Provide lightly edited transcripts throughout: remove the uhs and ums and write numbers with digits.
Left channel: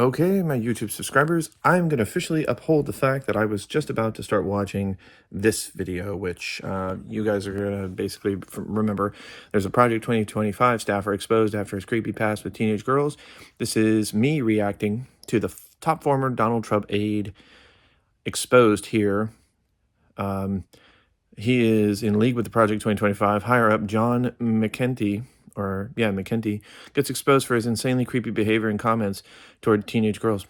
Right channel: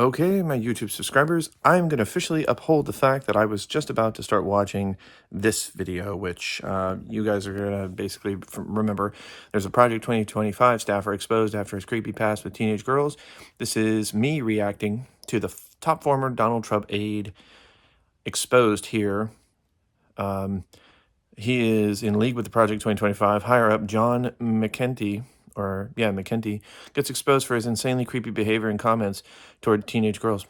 Okay, my YouTube subscribers, I'm going to officially uphold the fact that I was just about to start watching this video, which you guys are going to basically remember. There's a Project 2025 staffer exposed after his creepy past with teenage girls. This is me reacting to the top former Donald Trump aide exposed here. He is in league with the Project 2025. Higher up, John McEntee, McEntee, gets exposed for his insanely creepy behavior and comments toward teenage girls.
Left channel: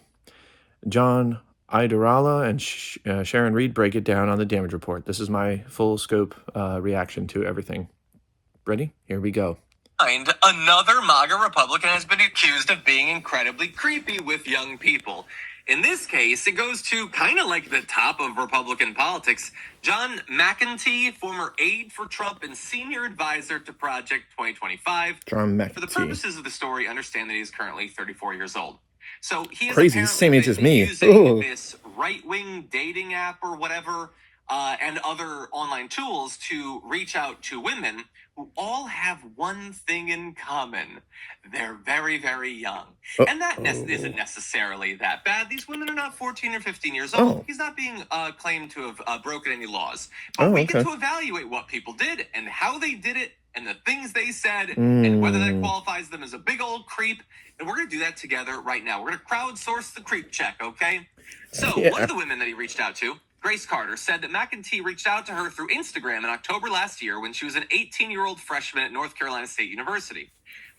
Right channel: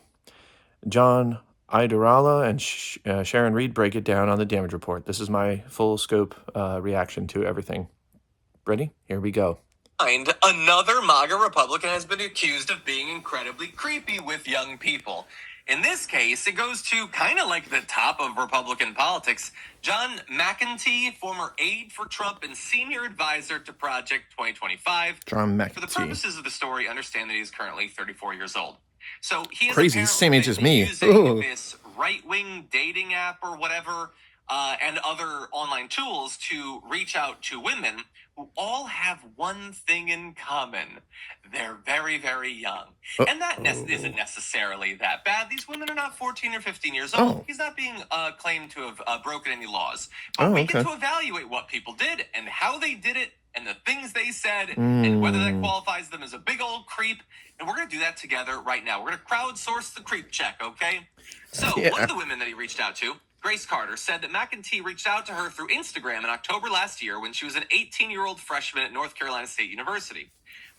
John, Idarola, and Sharon Reed break it down on the damage report. This is my full scope reaction to everything. Ready? Here we go. Another MAGA Republican has been accused of being incredibly creepy with young people. In this case, it goes to kind of like the top of Republican politics. John McEntee, former aide for Trump and senior advisor to Project 2025. John McEntee. For the purposes of the story, understand that he is currently 34 years old. So he is crazy, same age as me. Using this right-wing dating app or whatever, and other online tools to reach out to women who all have one thing in common. They're very, very young. And that isn't necessarily that bad. These women are not 14 or 15 years old. He's not being claimed to have broken any laws. But we get to evaluate what people did and how they did it and the things they said and whether that qualifies them as a big old creep. And we're going to do that together right now. We're going to crowdsource the creep check, okay? So one of the women that he reached out to, Grace Carter, said that McEntee reached out to her through Instagram in October last year when she was an 18-year-old freshman at North Carolina State University.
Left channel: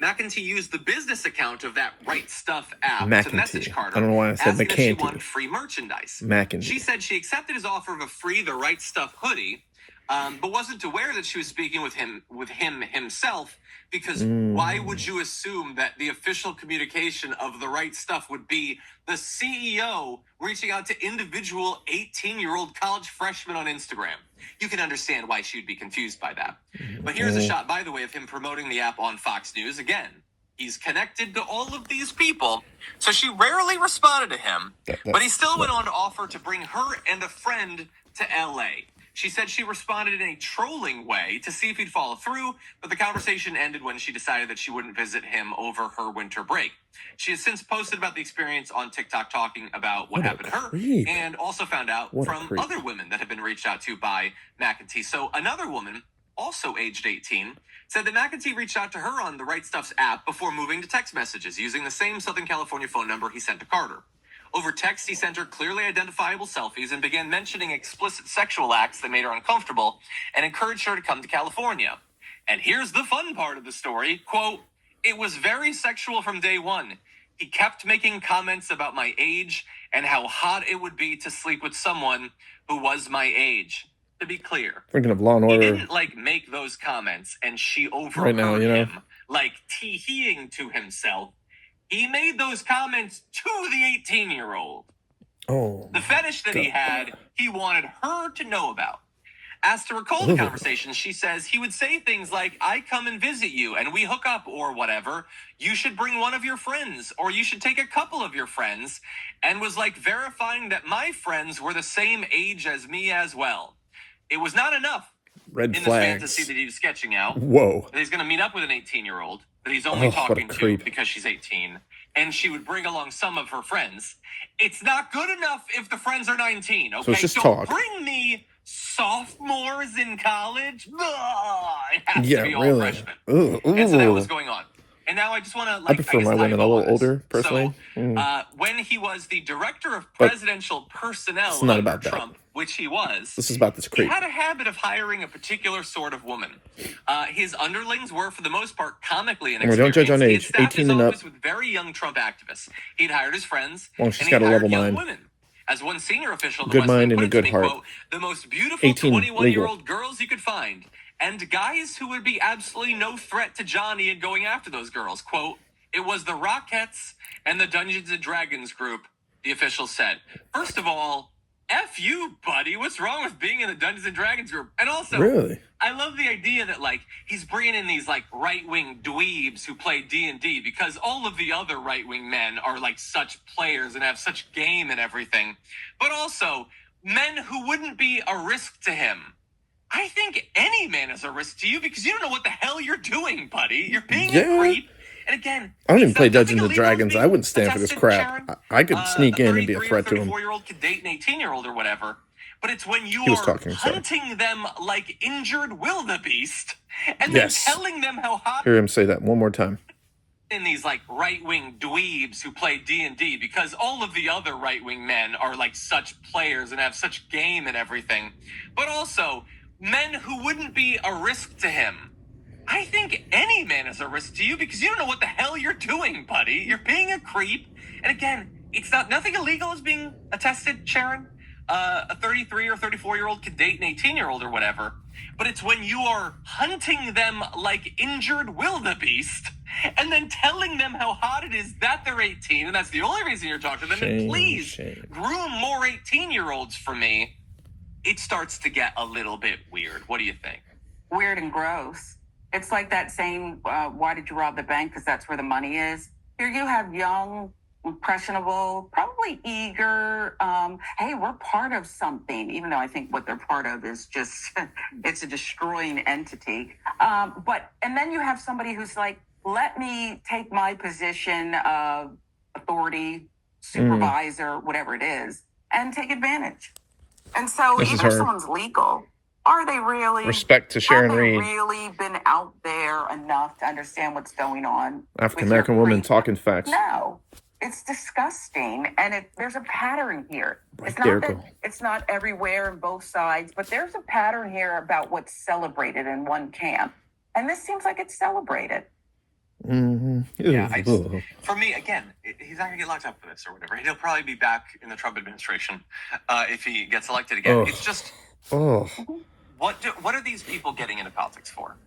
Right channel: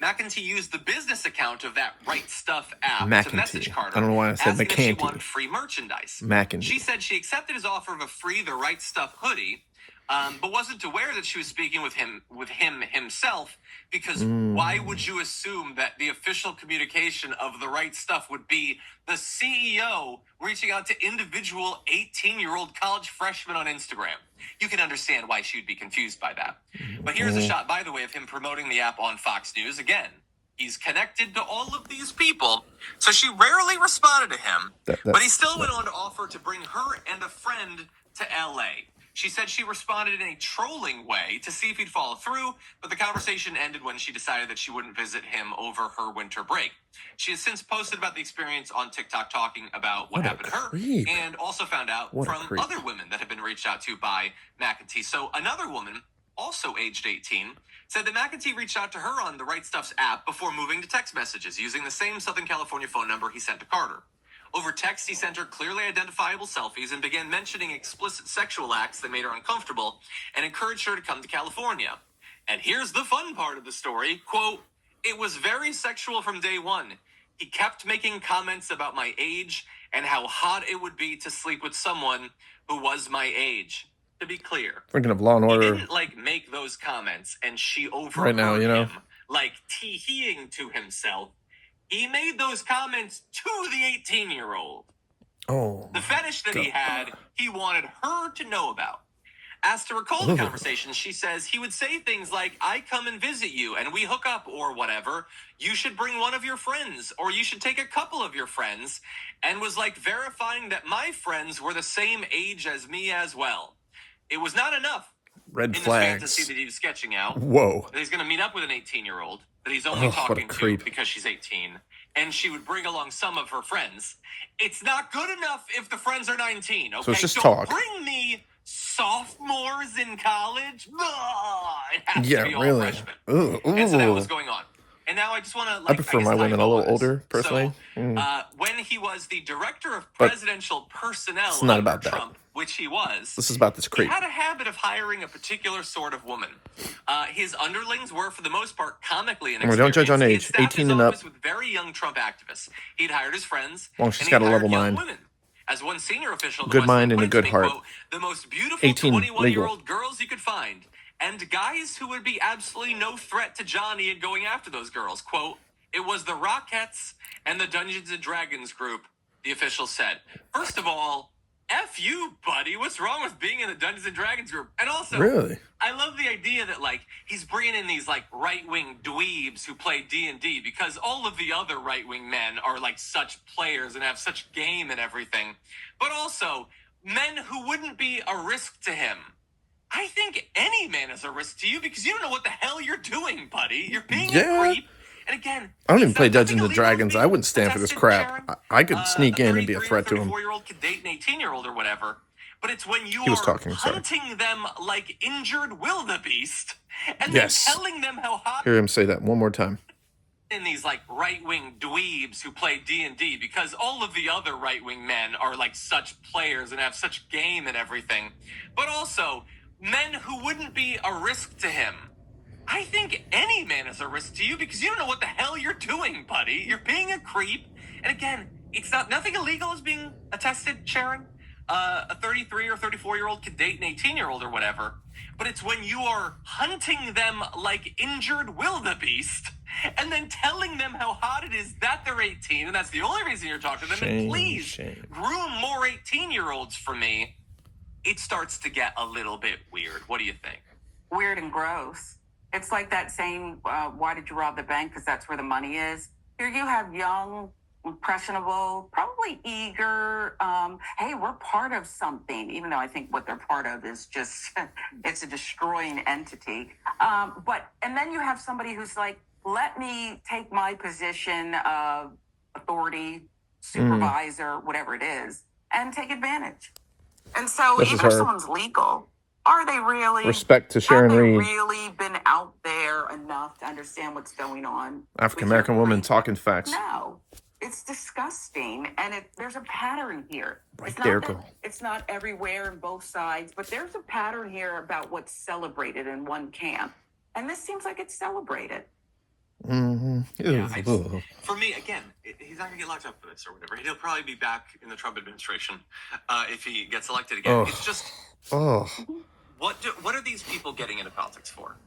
McEntee used the business account of that Right Stuff app to message Carter, I don't know why I said asking McEntee. if she wanted free merchandise. McEntee. She said she accepted his offer of a free The Right Stuff hoodie, but wasn't aware that she was speaking with him himself, because why would you assume that the official communication of The Right Stuff would be the CEO reaching out to individual 18-year-old college freshmen on Instagram? You can understand why she would be confused by that. But here's a shot, by the way, of him promoting the app on Fox News. Again, he's connected to all of these people, so she rarely responded to him, but he still went on to offer to bring her and a friend to L.A. She said she responded in a trolling way to see if he'd follow through, but the conversation ended when she decided that she wouldn't visit him over her winter break. She has since posted about the experience on TikTok, talking about what happened to her, and also found out from other women that have been reached out to by McEntee. So another woman, also aged 18, said that McEntee reached out to her on the Right Stuff's app before moving to text messages using the same Southern California phone number he sent to Carter. Over text, he sent her clearly identifiable selfies and began mentioning explicit sexual acts that made her uncomfortable and encouraged her to come to California. And here's the fun part of the story. Quote, "It was very sexual from day one. He kept making comments about my age and how hot it would be to sleep with someone who was my age." To be clear, thinking of Law and Order. He didn't make those comments and she overheard him tee-heeing to himself. He made those comments to the 18-year-old. The fetish that he had, he wanted her to know about. Asked to recall the conversation, she says he would say things like, "I come and visit you and we hook up," or whatever. "You should bring one of your friends," or "You should take a couple of your friends," and was verifying that my friends were the same age as me as well. It was not enough. Red in flags. This fantasy that he was sketching out. Whoa. That he's going to meet up with an 18-year-old that he's only talking to because she's 18, and she would bring along some of her friends. It's not good enough if the friends are 19, okay? So it's just Don't talk. bring me sophomores in college. It has to be all freshmen. And so that was going on. And now I just want to, I prefer my women a little older, personally. So, when he was the director of presidential personnel it's not about Trump, which he was, this is about this creep. He had a habit of hiring a particular sort of woman. His underlings were, for the most part, comically inexperienced. Don't judge on age. 18 and up. With very young Trump activists. He'd hired his friends. Well, she's got a level mind. Women. As one senior official, good mind and a good heart. Quote, "The most beautiful 21-year-old girls you could find, and guys who would be absolutely no threat to Johnny in going after those girls." Quote, "It was the Rockettes and the Dungeons & Dragons group," the official said. First of all, F you, buddy. What's wrong with being in the Dungeons & Dragons group? And also, really? I love the idea that, he's bringing in these, right-wing dweebs who play D&D, because all of the other right-wing men are, such players and have such game and everything. But also, men who wouldn't be a risk to him. I think any man is a risk to you because you don't know what the hell you're doing, buddy. You're being a creep. And again, I don't even it's play not nothing Dungeons and illegal is Dragons. I being wouldn't stand for this attested, crap. Sharon. I could sneak in and be a 33 threat or to him. 34-year-old could date an 18-year-old or whatever. But it's when you He was are talking, sorry. hunting them like injured wildebeest and Yes. then telling them how hot. Hear him say that one more time. In these like right-wing dweebs who play D&D, because all of the other right-wing men are like such players and have such game and everything, but also men who wouldn't be a risk to him. I think any man is a risk to you because you don't know what the hell you're doing, buddy. You're being a creep. And again, it's nothing illegal is being attested, Sharon. A 33 or 34-year-old could date an 18-year-old or whatever. But it's when you are hunting them like injured wildebeest and then telling them how hot it is that they're 18, and that's the only reason you're talking to them, and please groom more 18-year-olds for me, it starts to get a little bit weird. What do you think? Weird and gross. It's like that saying, why did you rob the bank? Because that's where the money is. Here you have young, impressionable, probably eager, hey, we're part of something, even though I think what they're part of is just, it's a destroying entity. And then you have somebody who's like, let me take my position of authority, supervisor, whatever it is, and take advantage. And so even if someone's legal, are they really? Respect to Sharon Reed. Have they really been out there enough to understand what's going on? African-American woman talking facts. No. It's disgusting, and there's a pattern here. It's not everywhere in both sides, but there's a pattern here about what's celebrated in one camp, and this seems like it's celebrated. Mm-hmm. Yeah, for me, again, he's not going to get locked up for this or whatever. He'll probably be back in the Trump administration if he gets elected again. Ugh. It's just, what are these people getting into politics for?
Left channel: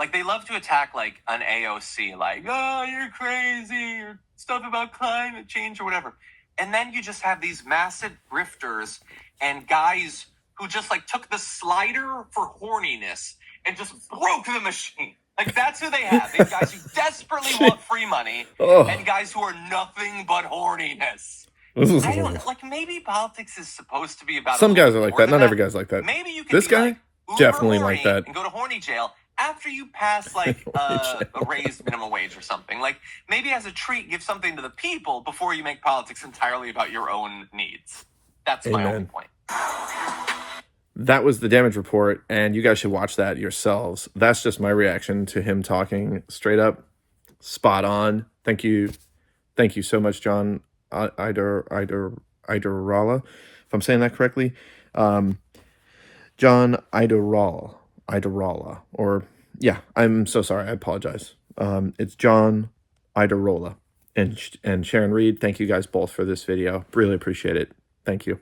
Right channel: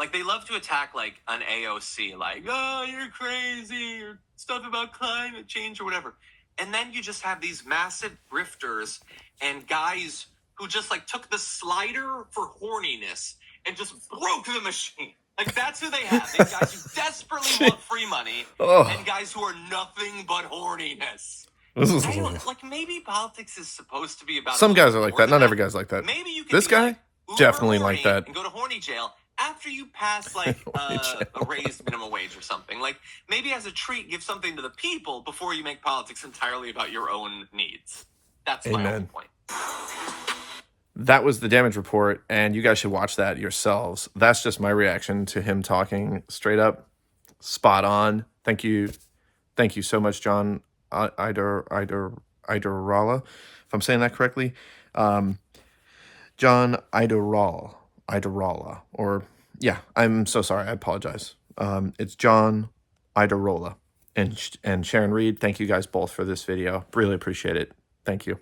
Like, they love to attack, like, an AOC, like, oh, you're crazy, or stuff about climate change or whatever. And then you just have these massive grifters and guys who just, like, took the slider for horniness and just broke the machine. Like, that's who they have. These guys who desperately want free money and guys who are nothing but horniness. Like, maybe politics is supposed to be about... Some guys are like that. Not every guy's like that. Maybe you can this guy? Like, definitely like that. And go to horny jail after you pass, like, a raised minimum wage or something. Like, maybe as a treat, give something to the people before you make politics entirely about your own needs. That's my only point. That was the damage report, and you guys should watch that yourselves. That's just my reaction to him talking straight up. Spot on. Thank you. Thank you so much, John Idarola, if I'm saying that correctly. John Idarola, or yeah, I'm so sorry. I apologize. It's John Idarola and Sharon Reed. Thank you guys both for this video. Really appreciate it. Thank you.